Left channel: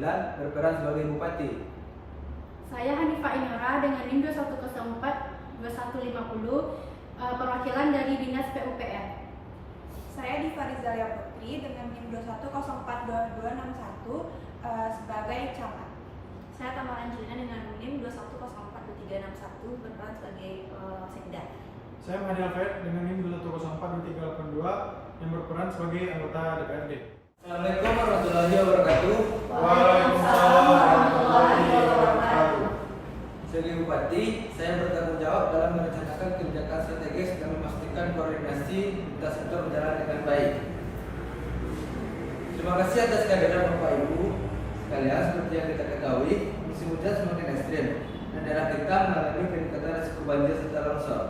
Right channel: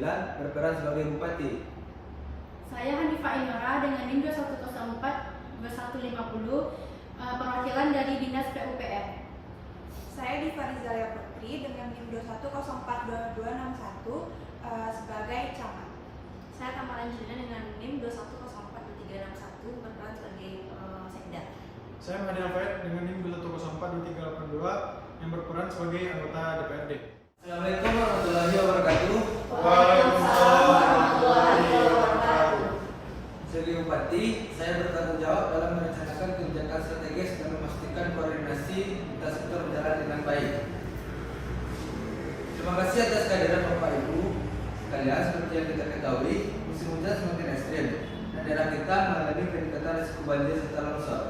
berperan sebagai Bupati. Saya Hanifah Inora dengan NIM 2104-2150, perwakilan dari Dinas PUPR. Saya Diva Rizalia Putri dengan NIM 21042261 sebagai camat. Saya Tamara Angelina dengan NIM 21042361 berperan sebagai sekda. Saya Mahdi Alfayed dengan NIM 21042382 yang berperan sebagai anggota DPRD. Assalamualaikum warahmatullahi wabarakatuh. Waalaikumsalam warahmatullahi wabarakatuh. Sebagai Bupati, saya bertanggung jawab dalam merencanakan kebijakan strategis dan memastikan koordinasi lintas sektor berjalan dengan baik. Terima kasih atas kehadiran Bapak Ibu sekalian. Seperti yang kita ketahui, musim hujan semakin ekstrim dan daerah kita mengalami peningkatan risiko banjir serta longsor.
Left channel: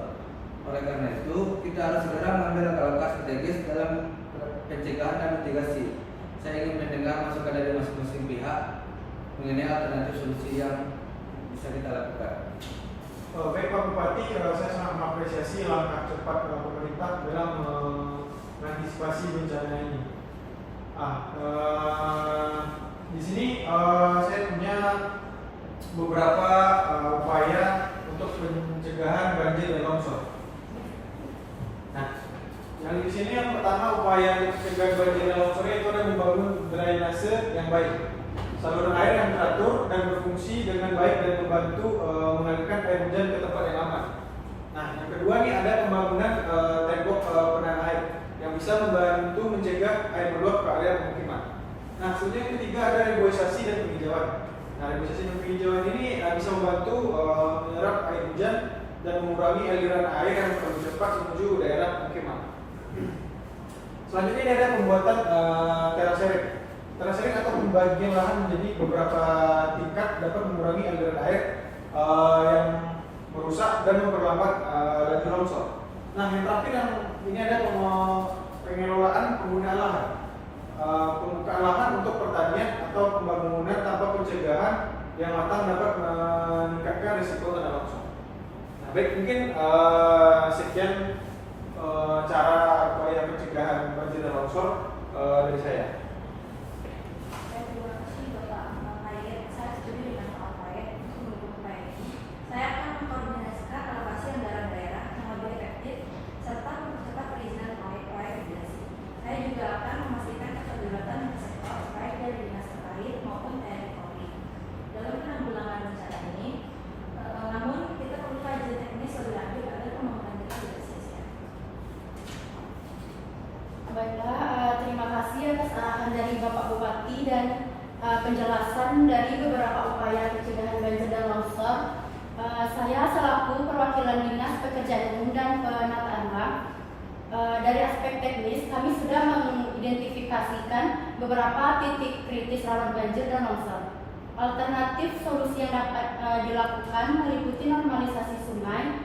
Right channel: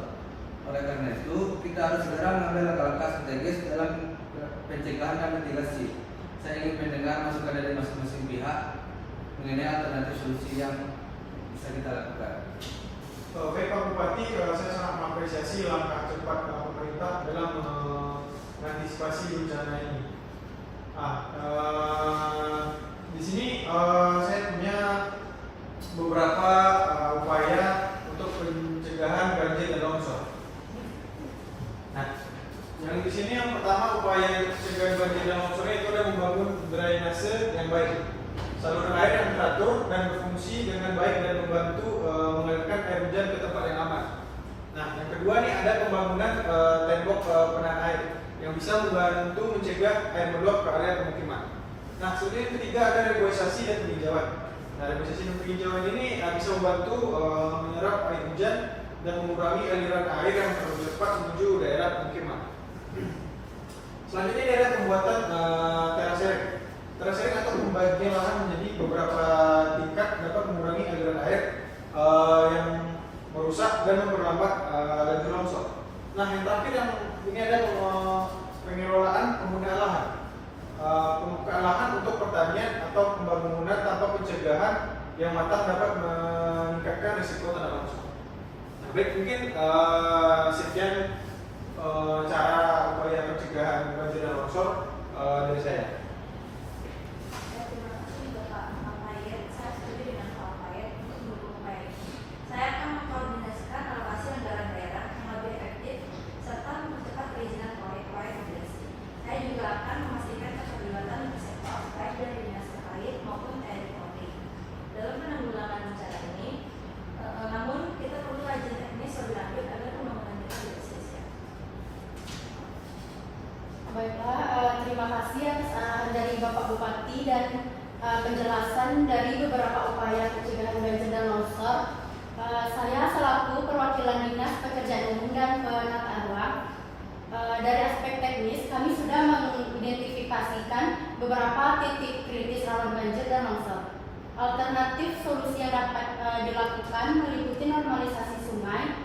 Oleh karena itu, kita harus segera mengambil langkah-langkah strategis dalam pencegahan dan mitigasi. Saya ingin mendengar masukan dari masing-masing pihak mengenai alternatif solusi yang bisa kita lakukan. Baik Pak Bupati, saya sangat mengapresiasi langkah cepat pemerintah dalam mengantisipasi bencana ini. Di sini saya punya beberapa upaya untuk pencegahan banjir dan longsor. Nah, yang di sini yang pertama upaya pencegahan banjir dan longsor itu adalah membangun drainase yang baik, saluran air yang teratur dan berfungsi dengan baik dan membantu mengalirkan air hujan ke tempat yang aman. Nah, yang kedua ini ada pembangunan tembok penahan air yang bisa membantu mencegah air meluap ke area pemukiman. Nah, selanjutnya yang ketiga ada reboisasi dan penghijauan. Nah, reboisasi dan penghijauan ini bisa membantu menyerap air hujan dan mengurangi aliran air yang terlalu cepat menuju daerah pemukiman. Selanjutnya ini ada pembuatan terasering. Terasering atau pembagian lahan menjadi beberapa tingkat dapat mengurangi aliran air yang merusak dan memperlambat laju longsor. Nah, yang terakhir yang ini ada pengelolaan penggunaan lahan. Pembukaan lahan untuk pertanian atau pembangunan tanpa pencegahan yang matang dapat meningkatkan risiko tanah longsor. Nah, baik, mungkin sekian cara upaya pencegahan banjir dan longsor dari saya. Terima kasih Bapak Alfayed. Saya setuju dengan Pak Alfayed untuk mendukung upaya ini. Saya akan mengkoordinasikan alokasi anggaran daerah yang lebih efektif serta mempercepat perizinan proyek-proyek irigasi. Saya juga akan memastikan keterlibatan sektor baik dari dinas terkait maupun TNI Polri dalam penanggulangan bencana ini. Namun kita perlu kajian teknis lebih lanjut agar pembangunan kita tidak sia-sia. Baiklah, terima kasih atas arahan dari Bapak Bupati dan penjelasan dari beberapa upaya pencegahan banjir dan longsor. Saya selaku perwakilan Dinas Pekerjaan Umum dan Penataan Ruang, dari aspek teknis kami sudah mengidentifikasikan beberapa titik kritis rawan banjir dan longsor. Alternatif solusi yang dapat dilakukan meliputi normalisasi sungai,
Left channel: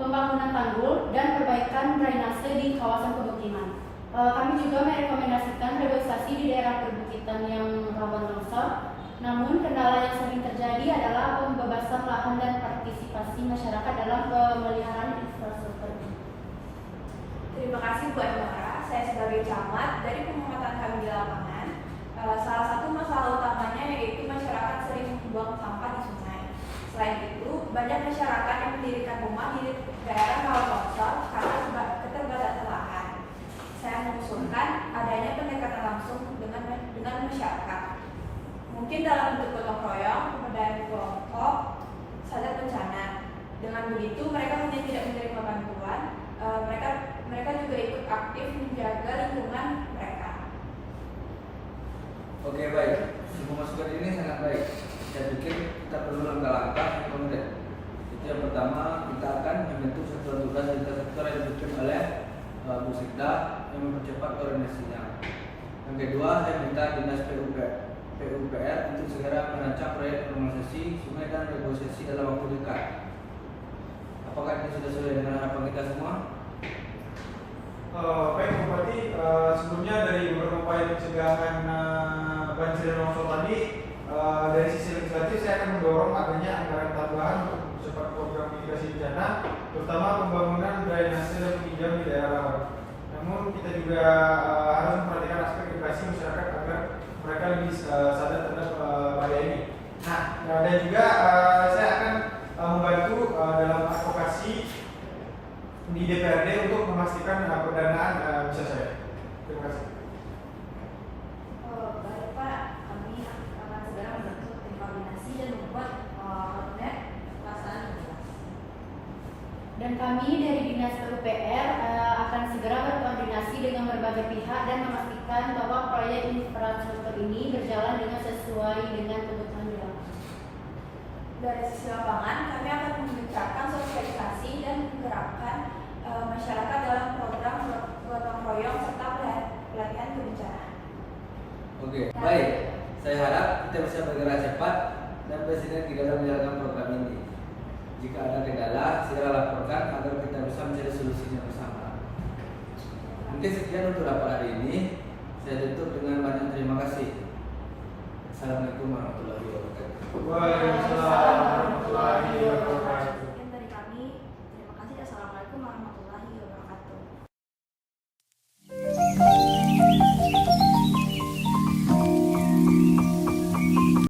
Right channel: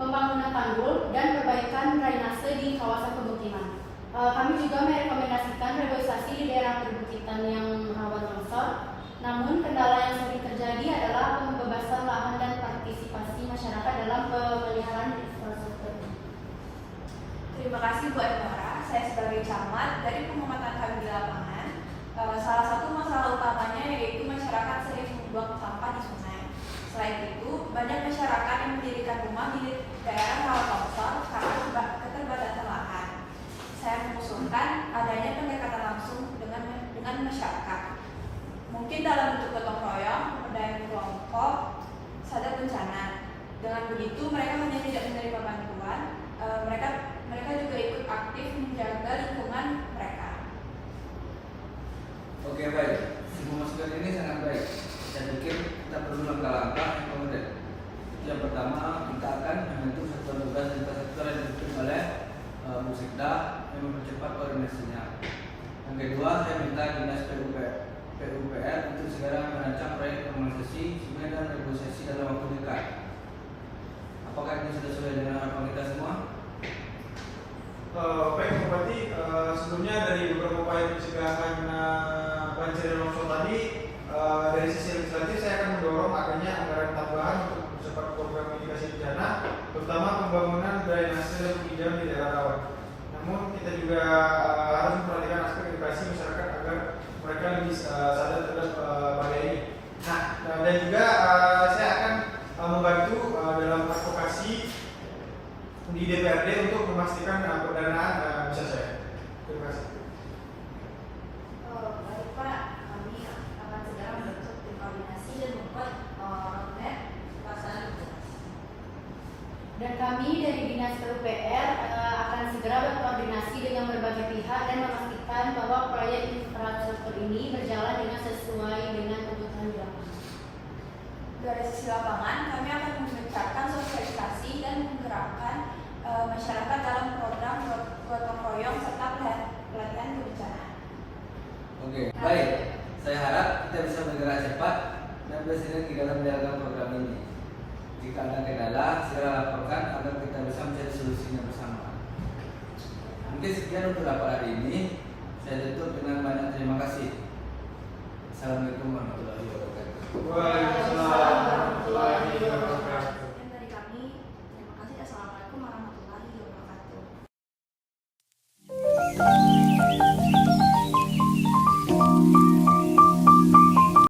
pembangunan tanggul, dan perbaikan drainase di kawasan pemukiman. Kami juga merekomendasikan reboisasi di daerah perbukitan yang rawan longsor. Namun kendala yang sering terjadi adalah pembebasan lahan dan partisipasi masyarakat dalam pemeliharaan infrastruktur. Terima kasih Bu Emara. Saya sebagai camat dari pengamatan kami di lapangan, salah satu masalah utamanya yaitu masyarakat sering membuang sampah di sungai. Selain itu, banyak masyarakat yang mendirikan rumah di daerah rawan longsor karena keterbatasan lahan. Saya mengusulkan adanya pendekatan langsung dengan masyarakat. Mungkin dalam bentuk gotong royong, pemberdayaan kelompok, sadar bencana. Dengan begitu, mereka hanya tidak menerima bantuan, mereka juga ikut aktif menjaga lingkungan mereka. Oke, baik. Semua masukan ini sangat baik. Saya pikir kita perlu langkah-langkah yang konkret. Itu yang pertama, kita akan membentuk satuan tugas lintas sektor yang dipimpin oleh Bu Sekda yang mempercepat koordinasinya. Yang kedua, saya minta Dinas PUPR untuk segera merancang proyek normalisasi sungai dan reboisasi dalam waktu dekat. Apakah ini sudah sesuai dengan harapan kita semua? Baik, Bupati, sebelumnya dari berupaya pencegahan banjir dan longsor tadi, dari sisi legislatif saya akan mendorong adanya anggaran tambahan untuk mempercepat program mitigasi bencana, terutama pembangunan drainase dan penghijauan di daerah rawan. Namun kita juga harus memperhatikan aspek edukasi masyarakat agar mereka lebih sadar terhadap bahaya ini. Nah, dan juga saya akan membantu dalam advokasi di DPRD untuk memastikan pendanaan bisa saya. Terima kasih. Baik Pak, kami akan segera membentuk tim koordinasi dan membuat roadmap pelaksanaan tugas. Dan kami dari Dinas PUPR akan segera berkoordinasi dengan berbagai pihak dan memastikan bahwa proyek infrastruktur ini berjalan dengan sesuai dengan kebutuhan di lapangan. Dari sisi lapangan, kami akan mengencarkan sosialisasi dan menggerakkan masyarakat dalam program gotong royong serta pelatihan kebencanaan. Oke, baik. Saya harap kita bisa bergerak cepat dan bersinergi dalam menjalankan program ini. Jika ada kendala, segera laporkan agar kita bisa mencari solusinya bersama. Mungkin sekian untuk rapat hari ini. Saya tutup dengan banyak terima kasih. Assalamualaikum warahmatullahi wabarakatuh. Waalaikumsalam.